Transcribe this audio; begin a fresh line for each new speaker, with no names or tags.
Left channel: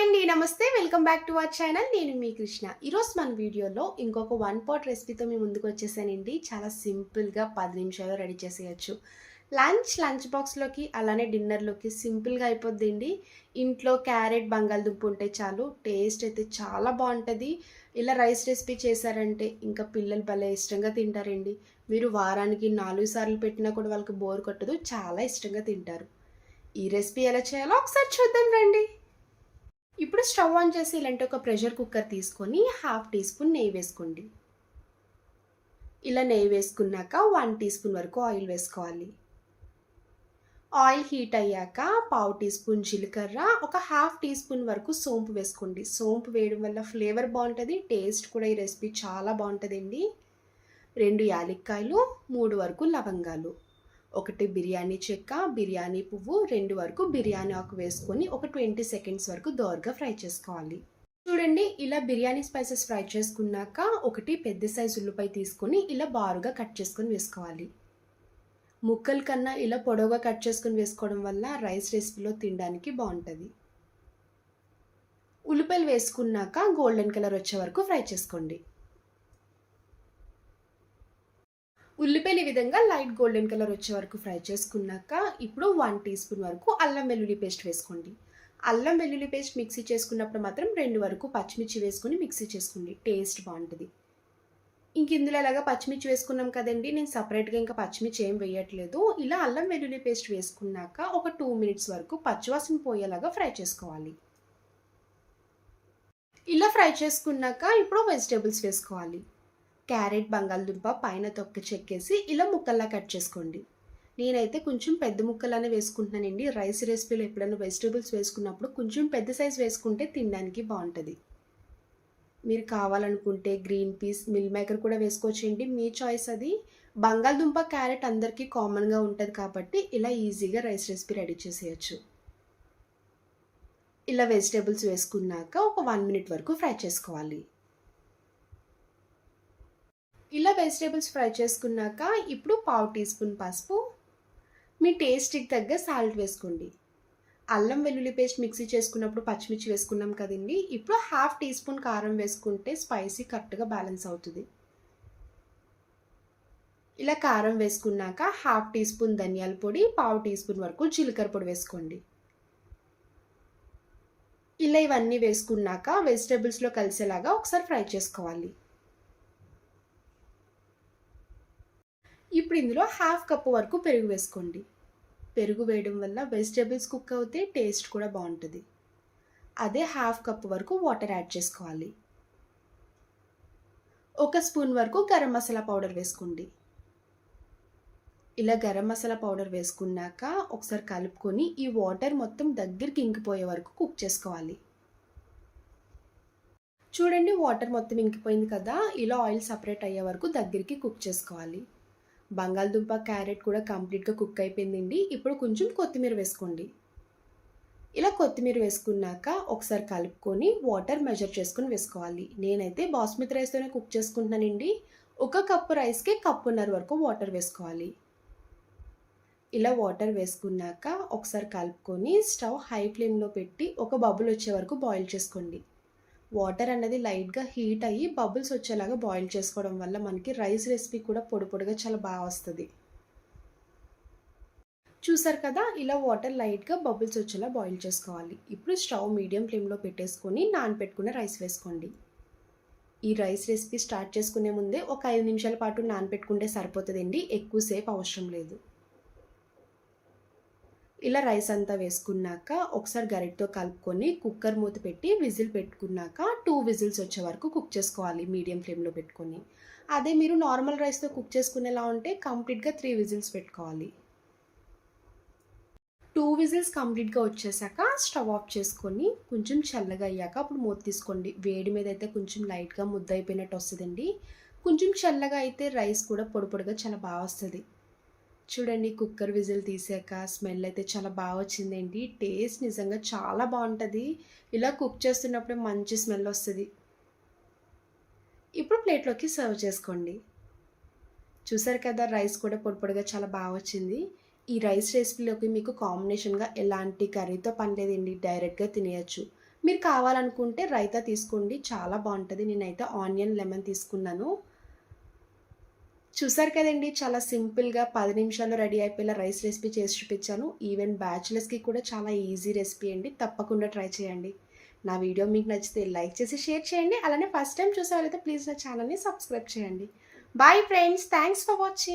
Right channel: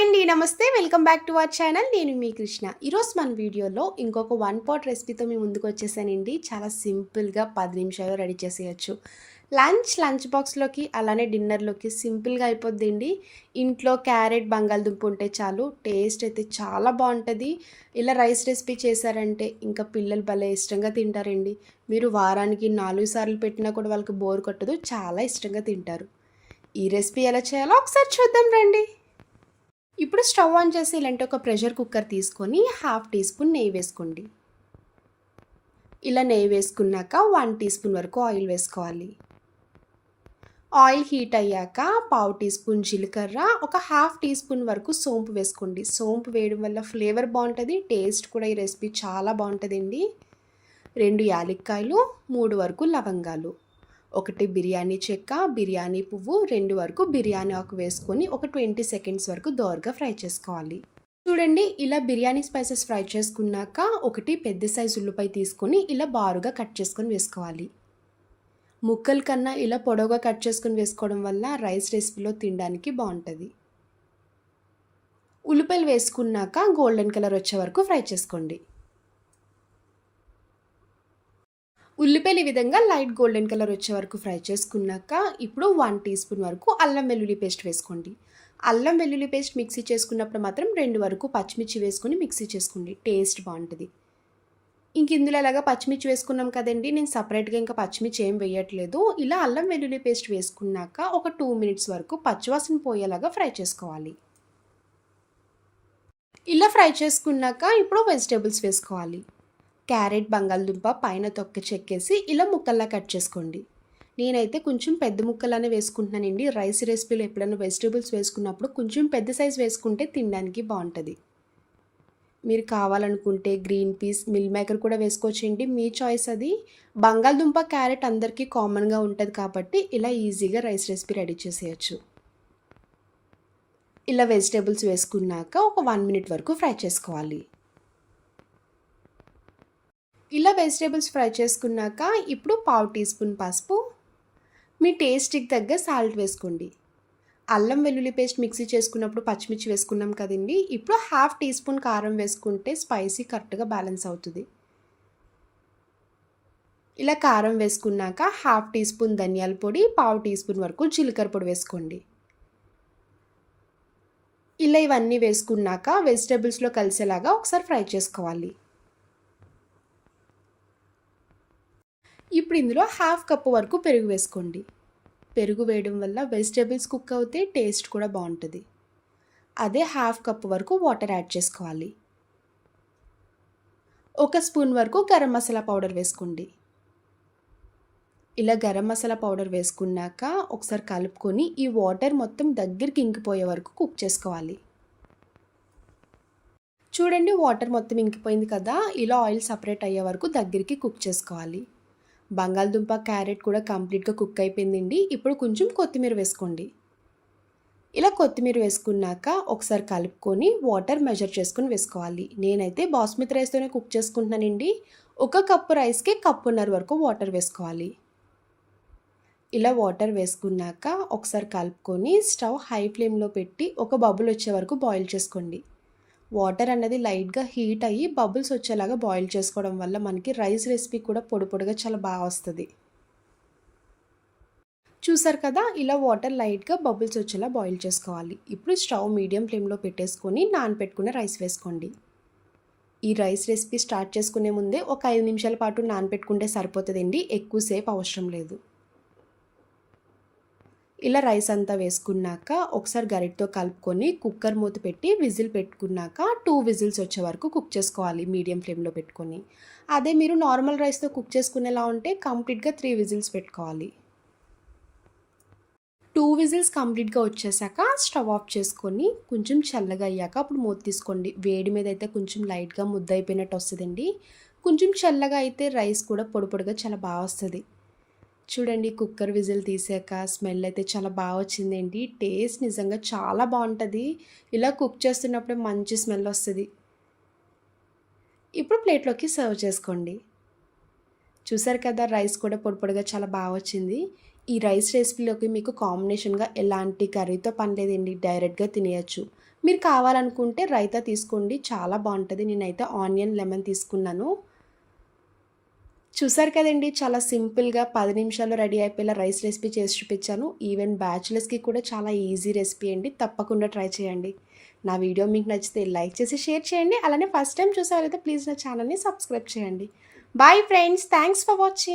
Hi అండి నమస్తే. Welcome back to our channel. నేను మీ కృష్ణ. ఈరోజు మన వీడియోలో ఇంకొక వన్ పాట్ రెసిపీతో మీ ముందుకు వచ్చేసానండి. చాలా సింపుల్గా పది నిమిషాలు రెడీ చేసేయచ్చు. లంచ్ లంచ్ బాక్స్లోకి అలానే డిన్నర్లోకి సింపుల్గా అయిపోద్దండి. ఇంట్లో క్యారెట్ బంగాళదుంప ఉంటే చాలు టేస్ట్ అయితే చాలా బాగుంటుంది. ఇలా రైస్ రెసిపీ చేశారంటే ఇంకా పిల్లలు భలే ఇష్టంగా తింటారండి. మీరు వారానికి నాలుగు సార్లు పెట్టినా కూడా వాళ్ళకి బోర్ కొట్టదు చాలా ఇష్టంగా తింటారు. ఈ రెసిపీ ఎలా చేయాలో ఒకసారి చూద్దాం రండి. ఇప్పుడు స్టవ్ ఆన్ చేసి ఇలాంటి ఒక ప్రెషర్ కుక్కర్ తీసుకొని హాఫ్ టీ స్పూన్ నెయ్యి వేసుకోండి. ఇలా నెయ్యి వేసుకున్నాక వన్ టీ స్పూన్ వరకు ఆయిల్ వేసుకోవాలి. ఆయిల్ హీట్ అయ్యాక పావు టీ స్పూన్ జీలకర్ర ఒక హాఫ్ టీ స్పూన్ వరకు సోంపు వేసుకోండి. సోంపు వేయడం వల్ల ఫ్లేవర్ బాగుంటుంది టేస్ట్ కూడా ఈ రెసిపీ చాలా బాగుంటుందండి. రెండు యాలక్కాయలు మూడు వరకు లవంగాలు. ఒకటి బిర్యానీ చెక్క బిర్యానీ పువ్వు రెండు వరకు బిర్యానీ ఆకు వేసుకొని ఒక ట్వంటీ సెకండ్స్ వరకు దోరగా ఫ్రై చేసుకోవాలి. చూడండి ఇలా బిర్యానీ స్పైసెస్ ఫ్రై చేసుకున్నాక ఒకటి పెద్ద సైజు ఉల్లిపాయ తీసుకొని ఇలా బారుగా కట్ చేసుకొని వేసుకోవాలి. ముక్కల కన్నా ఇలా పొడవుగా కట్ చేసుకొని వేసుకోవడం వల్ల రైస్ రెసిపీలో తినడానికి బాగుంటుంది. ఉల్లిపాయలు వేసుకున్నాక గోల్డెన్ కలర్ వచ్చే వరకు ఫ్రై చేసుకోండి. ఉల్లిపాయలు ఈ విధంగా లైట్ గోల్డెన్ కలర్ వచ్చే వరకు ఫ్రై చేసుకున్నాక ఇప్పుడు వన్ టీ స్పూన్ వరకు అల్లం వెల్లుల్లి పేస్ట్ వేసుకోండి. అల్లం వెల్లుల్లి పేస్ట్ మిక్సీ చేసుకున్నప్పుడు మాత్రం రెండు వరకు పచ్చిమిర్చి వేసుకొని మిక్సీ చేసుకోండి. టేస్ట్ బాగుంటుంది. ఇంక ఇందులో ఎలాగా పచ్చిమిర్చి వేసుకున్నాం కదండి నేను సపరేట్గా ఇంకా పచ్చిమిర్చి ఏం వేయట్లేదు. ఇలా అల్లం వెల్లుల్లి పేస్ట్ వేసుకున్నాక ఒక టూ మినిట్స్ వరకు పచ్చివాసన పోయేలాగా ఫ్రై చేసుకోవాలి. ఇలా ఫ్రై చేసుకున్నాక ఇప్పుడు వెజిటేబుల్స్ వేసుకోవాలి. క్యారెట్ బంగాళదుంప పైన తొక్క చెక్కేసి ఇలా ముక్కల్లా కట్ చేసుకోండి. నేనైతే కొంచెం పెద్ద ముక్కలనే వేసుకుంటున్నానండి. రైస్ రెసిపీలో ఎప్పుడైనా వెజిటేబుల్స్ వేసుకున్నప్పుడు కొంచెం పెద్ద సైజ్ వేసుకుంటే తినడానికి బాగుంటుంది. మీరు కావాలనుకుంటే గ్రీన్ పీస్ మిల్ మేకర్ కూడా వేసుకోవచ్చండి. మీ చాయిస్ అది. బంగాళదుంప క్యారెట్ అందరికీ కామన్గా ఉంటుంది కాబట్టి ఇలా ఈజీగా రైస్ రెసిపీ రెడీ చేసేయచ్చు. ఇలా వెజిటేబుల్స్ వేసుకున్నాక ఒక వన్ మినిట్ వరకు ఫ్రై చేసుకోవాలి. ఇలా వెజిటేబుల్స్ ఫ్రై చేసుకున్నాక ఇప్పుడు పావు టీ స్పూన్ పసుపు. మీ టేస్ట్కి తగ్గ సాల్ట్ వేసుకోండి. అల్లం వెల్లుల్లి పేస్ట్ మిక్సీ చేసుకున్నప్పుడు పచ్చిమిర్చి వేసుకున్నాం కదండి. ఇప్పుడు హాఫ్ టీ స్పూన్ కారం వేసుకుంటే స్పైసీ కరెక్ట్గా బ్యాలెన్స్ అవుతుంది. ఇలా కారం వేసుకున్నాక హాఫ్ టీ స్పూన్ ధనియాల పొడి పావు టీ స్పూన్ వరకు జీలకర్ర పొడి వేసుకోండి. ఇలా ఇవన్నీ వేసుకున్నాక వెజిటేబుల్స్లో కలిసేలాగా ఒకసారి ఫ్రై చేసుకోవాలి. ఇప్పుడు ఇందులో హాఫ్ కప్ వరకు పెరుగు వేసుకోండి. పెరుగు వేయడం వల్ల వెజిటేబుల్స్ కుక్ అవుతే టేస్ట్ కూడా బాగుంటుంది. అదే హాఫ్ కప్ వరకు వాటర్ యాడ్ చేసుకోవాలి. ఒక స్పూన్ వరకు గరం మసాలా పౌడర్ వేసుకోండి. ఇలా గరం మసాలా పౌడర్ వేసుకున్నాక ఒకసారి కలుపుకొని ఈ వాటర్ మొత్తం దగ్గరికి ఇంకిపోయే వరకు కుక్ చేసుకోవాలి. చూడండి వాటర్ మొత్తం ఇంకిపోయింది కదా ఇలా ఆయిల్ సపరేట్ అయ్యే వరకు దగ్గరికి కుక్ చేసుకోవాలి. బంగాళదుంప క్యారెట్ కూడా కంప్లీట్గా కుక్ అయిపోయిందండి. ఇప్పుడు కొంచెం కొత్తిమీర వేసుకోండి. ఇలా కొత్తిమీర వేసుకున్నాక ఒకసారి కలుపుకొని వాటర్ మెజర్ చేసుకుని వేసుకోవాలి. నేనైతే బాస్మతి రైస్తోనే కుక్ చేసుకుంటున్నానండి. ఒక కప్పు రైస్కి కప్పున్నర వరకు వాటర్ వేసుకోవాలి. ఇలా వాటర్ వేసుకున్నాక ఒకసారి కలుపుకొని స్టవ్ హై ఫ్లేమ్లో పెట్టి ఒక బబుల్ వచ్చే వరకు బాయిల్ చేసుకోండి. వాటర్ అన్నది లైట్గా హీట్ అయ్యి బబుల్స్ వచ్చేలాగా బాయిల్ చేసుకోవడం వల్ల మనకి రైస్ రెసిపీ కూడా పొడి పొడిగా చాలా బాగా వస్తుంది. చూసారు కదా? ఇలా వాటర్ లైట్గా బబుల్స్ వచ్చేలా బాయిల్ చేసుకోవాలి. ఇప్పుడు స్టవ్ మీడియం ఫ్లేమ్లో పెట్టేసుకొని నానపెట్టుకున్న రైస్ వేసుకోండి. ఈ రైస్ రెసిపీ స్టార్ట్ చేసుకునే ముందే ఒక ఐదు నిమిషాల పాటు నానపెట్టుకుంటే సరిపోతుందండి. ఎక్కువసేపు అవసరం లేదు. ఇలా రైస్ అంతా వేసుకున్నాక ఒకసారి గరిటతో కలుపుకొని కుక్కర్ మూత పెట్టి విజిల్ పెట్టుకున్నాక టూ విజిల్స్ వచ్చే వరకు కుక్ చేసుకోవాలి మీడియం ఫ్లేమ్లో పెట్టుకొని. అదే మీరు నార్మల్ రైస్తో కుక్ చేసుకునేలా ఉంటే కంప్లీట్గా త్రీ విజిల్స్ పెట్టుకోవాలి. టూ విజిల్స్ కంప్లీట్గా వచ్చేసాక స్టవ్ ఆఫ్ చేసుకొని కొంచెం చల్లగా అయ్యాక అప్పుడు మూత తీసుకోండి. వేడి మీద అయితే కొంచెం లైట్గా ముద్ద అయిపోయినట్టు వస్తుందండి. కొంచెం చల్లగా అయితే రైస్ కూడా పొడి పొడిగా చాలా బాగా వస్తుంది. చూడండి కుక్కర్ విజిల్ తీసాక స్మెల్ అయితే చాలా బాగా వచ్చిందండి టేస్ట్ నిజంగా చాలా బాగుంటుంది. ఇలా కుక్ చేస్తున్నప్పుడు మంచి స్మెల్ వస్తుంది. ఇప్పుడు ప్లేట్లోకి సర్వ్ చేసుకోండి. చూసారు కదా రైస్ కూడా పొడి పొడిగా చాలా బాగా వచ్చింది. ఈ రైస్ రెసిపీలోకి మీకు కాంబినేషన్గా ఎలాంటి కర్రీతో పనిలేదండి డైరెక్ట్గా తినేయచ్చు. మీరు కావాలనుకుంటే రైతా తీసుకోండి చాలా బాగుంటుంది. నేనైతే ఆనియన్ లెమన్ తీసుకున్నాను. చూసారు కదండి చాలా సింపుల్గా పది నిమిషాల్లో రెడీ అయిపోయేలా రైస్ రెసిపీ చేసి చూపించాను. ఈవెన్ బ్యాచులర్స్కి కూడా చాలా ఈజీ రెసిపీ అండి. తప్పకుండా ట్రై చేయండి. నా వీడియో మీకు నచ్చితే లైక్ చేసి షేర్ చేయండి. అలానే ఫస్ట్ టైం చూసేవారైతే ప్లీజ్ నా ఛానల్ని సబ్స్క్రైబ్ చేయండి. Bye friends thanks for watching.